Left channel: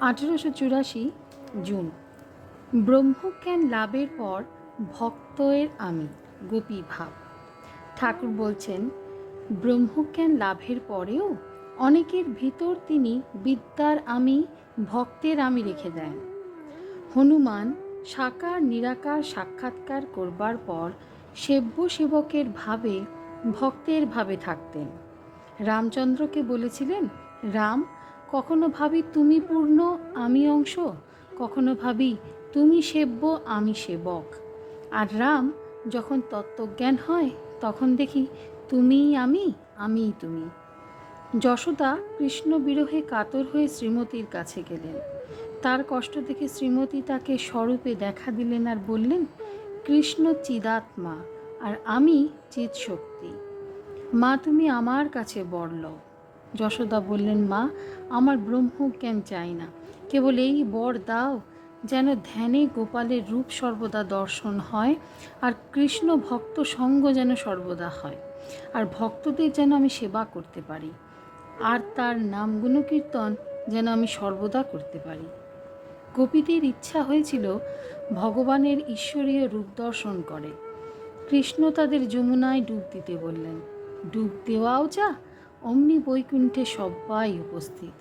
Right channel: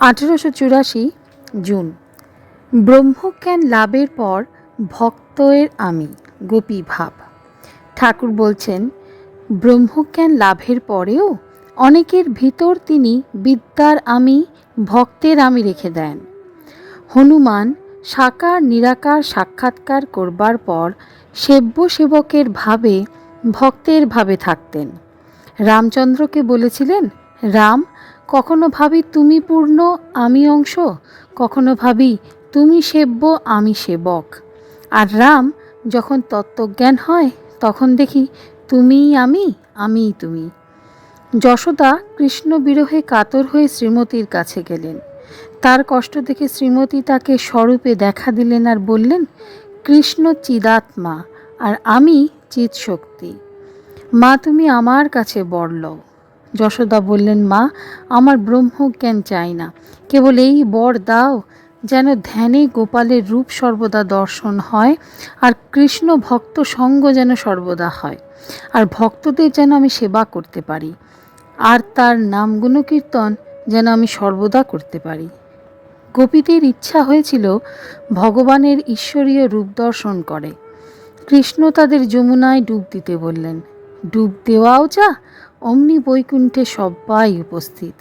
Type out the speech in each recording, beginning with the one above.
আঠেরোশো চুরাশি জুন। ব্রহ্মজ্ঞান লাভের পর ভক্তের আমি, গোপী ভাব। ঠাকুর বলছেন, ব্রহ্মজ্ঞান লাভের পরেও অনেকের ভিতর তিনি বিদ্যার আমি, ভক্তের আমি রেখে দেন। হনুমান সাকার নিরাকার সাক্ষাৎকার করবার পর সেব্য সেবকের ভাবে, ভক্তের ভাবে থাকতেন। রামচন্দ্রকে বলেছিলেন, রাম কখনো ভাবি তুমি পূর্ণ, আমি অংশ? কখনো ভাবি তুমি সেব্য, আমি সেবক? আর রাম যখন তত্ত্বজ্ঞান হয়, তখন দেখি তুমিই আমি, আমিই তুমি। যশোদা কৃষ্ণ বিরহে কাতর হয়ে শ্রীমতীর কাছে গেলেন। তার কষ্ট দেখে শ্রীমতী তাকে স্বরূপে দেখা দিলেন আর বললেন, কৃষ্ণ চিদাত্মা, আর আমি চিৎশক্তি। মা, তুমি আমার কাছে বর লও যশোদা বললেন, মা, আমার ব্রহ্মজ্ঞান চাই না। কেবল এই বর দাও, যেন ধ্যানে গোপালের রূপ সর্বদা দর্শন হয়, আর কৃষ্ণ ভক্ত সঙ্গ যেন সর্বদা হয়। আর ভক্তদের যেন আমি সেবা করতে পারি, আর তার নাম গুণকীর্তন যেন আমি সর্বদা করতে পারি। গোপীদের ইচ্ছা হয়েছিল ভগবানের ঈশ্বরীয় রূপ দর্শন করে। কৃষ্ণ তাদের যমুনায় ডুব দিতে বললেন, ডুব দেওয়াও যা অমনি বৈকুণ্ঠে সবাই উপস্থিত।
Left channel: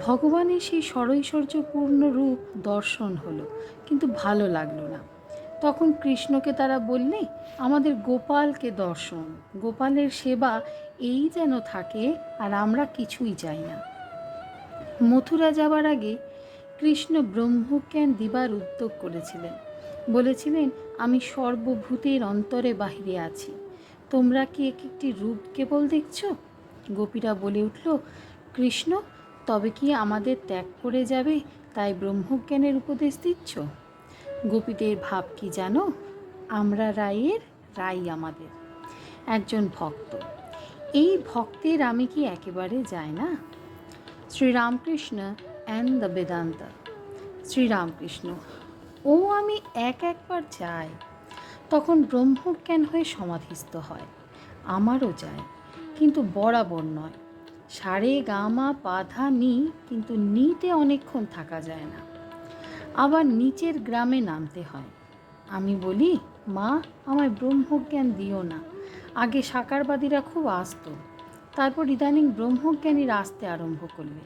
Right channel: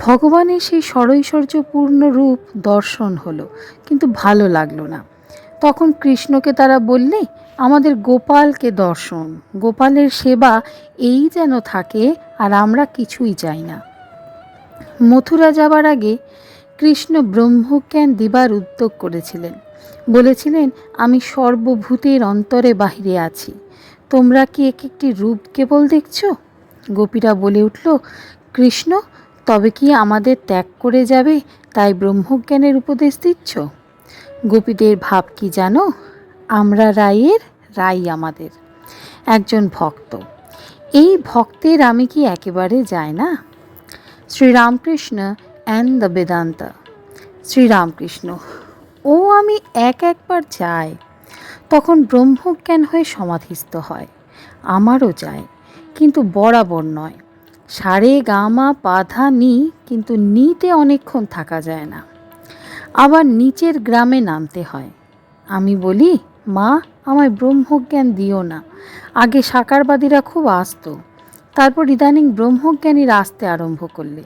ভগবানের সেই সরৈশ্বর্যপূর্ণ রূপ দর্শন হলো, কিন্তু ভালো লাগল না। তখন কৃষ্ণকে তারা বললে, আমাদের গোপালকে দর্শন, গোপালের সেবা এই যেন থাকে আর আমরা কিছুই চাই না। মথুরা যাবার আগে কৃষ্ণ ব্রহ্মজ্ঞান দিবার উদ্যোগ করেছিলেন। বলেছিলেন, আমি সর্বভূতের অন্তরে বাহিরে আছি। তোমরা কি এক একটি রূপ কেবল দেখছ? গোপীরা বলে উঠল, কৃষ্ণ, তবে কি আমাদের ত্যাগ করে যাবে, তাই ব্রহ্মজ্ঞানের উপদেশ দিচ্ছ? গোপীদের ভাব কি জানো? আমরা রায়ের রাই আমাদের, একজন ভক্ত। এই ভক্তের আমি কি একেবারে যায় না? Sri Ramakrishna and the Vedanta. Sri Ramakrishna, ও আমি এক একবার যাই। তখন ব্রহ্মজ্ঞান হয়ে সমাধিস্থ হয়, আমারও যায়। কিন্তু বরাবর নয়। সারে, গামা পাধা নি কিন্তু নিতে অনেকক্ষণ থাকা যায় না। আবার নিচের গ্রামে নামতে হয়। আমি বলি, মা, আমায় ব্রহ্মজ্ঞান দিও না। আগে সাকারবাদীরা খুব আসতো। তারপর ইদানিং ব্রহ্মজ্ঞানীর আসতে আরম্ভ করলে।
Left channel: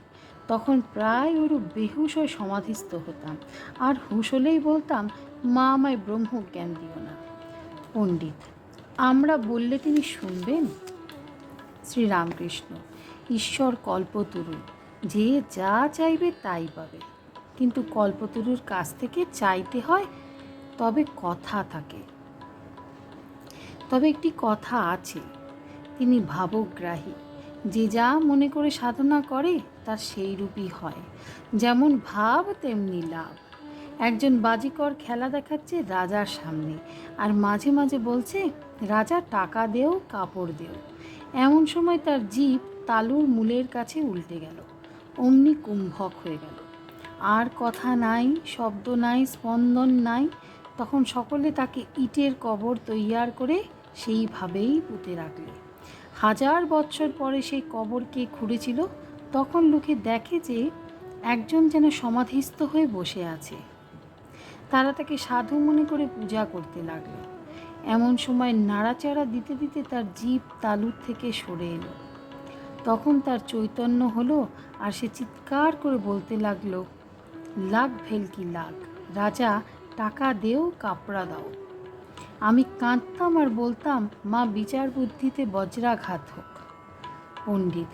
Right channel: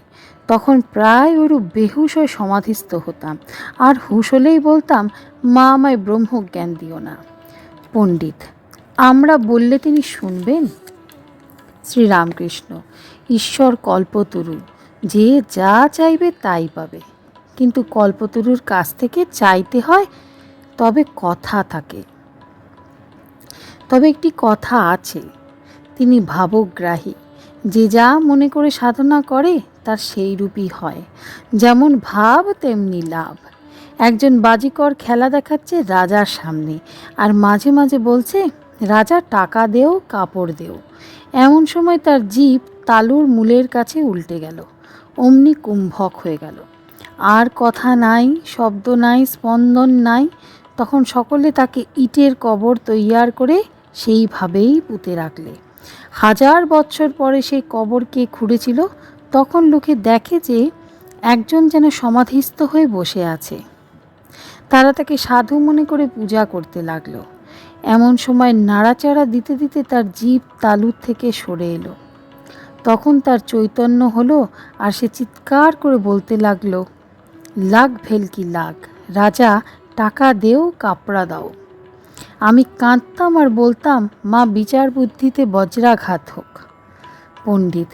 তখন প্রায় ওরূপ বেহুশ হয়ে সমাধিস্থ হতাম। আর হুশ হলেই বলতাম, মা, আমায় ব্রহ্মজ্ঞান দিও না। পণ্ডিত, আমরা বললে তিনি শুনবেন? শ্রীরামকৃষ্ণ, ঈশ্বর কল্পতরু যে যা চাইবে তাই পাবে। কিন্তু কল্পতরুর কাছ থেকে চাইতে হয়, তবে কথা থাকে। তবে একটি কথা আছে, তিনি ভাবগ্রাহী, যে যা মনে করে সাধনা করে, তার সেই রূপই হয়, যেমন ভাব তেমনি লাভ। একজন বাজিকর খেলা দেখাচ্ছে রাজার সামনে, আর মাঝে মাঝে বলছে রাজা টাকা দেও, কাপড় দেও। এমন সময় তার জীব তালুর মূলের কাছে উল্টে গেল। অমনি কুম্ভক হয়ে গেল। আর কথা নাই, শব্দ নাই, স্পন্দন নাই, তখন সকলে তাকে ইটের কবর তৈয়ার করে সেইভাবেই পুঁতে রাখলে। হাজার বছর পরে সেই কবর কে খুঁড়েছিল, তখন লোকে দেখে যে একজন যেন সমাধিস্থ হয়ে বসে আছে। তারা তাকে সাধু মনে করে পূজা করতে লাগল। এমন সময় নাড়াচাড়া দিতে দিতে তার জীব তালুর থেকে সরে এলো। তখন তার চৈতন্য হলো আর সে চিৎকার করে বলতে লাগল, লাগ ভেলকি লাগ, রাজা, টাকা দেও, কাপড়া দাও। আমি কাঁদতাম আর বলতাম, মা বিচার বুদ্ধিতে বজ্রাঘাত হোক। পণ্ডিত,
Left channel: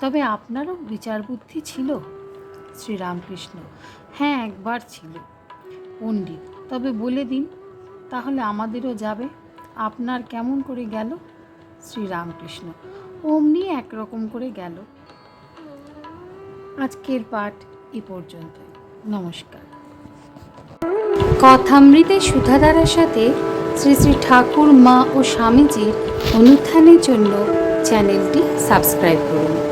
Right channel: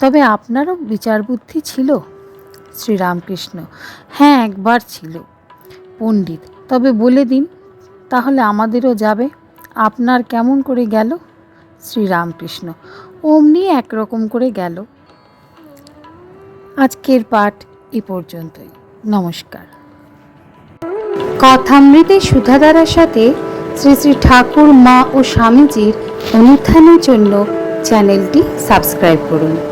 তবে আপনারও বিচার বুদ্ধি ছিল? শ্রীরামকৃষ্ণ হ্যাঁ একবার ছিল। পণ্ডিত, তবে বলে দিন তাহলে আমাদেরও যাবে। আপনার কেমন করে গেল? শ্রীরামকৃষ্ণ, অমনি একরকম করে গেল। আজকের পাঠ এ পর্যন্তই। নমস্কার। কথামৃতে সুধাধারার সাথে শ্রী শ্রী ঠাকুর, মা ও স্বামীজির অনুত্থানের জন্য চ্যানেলটি সাবস্ক্রাইব করুন।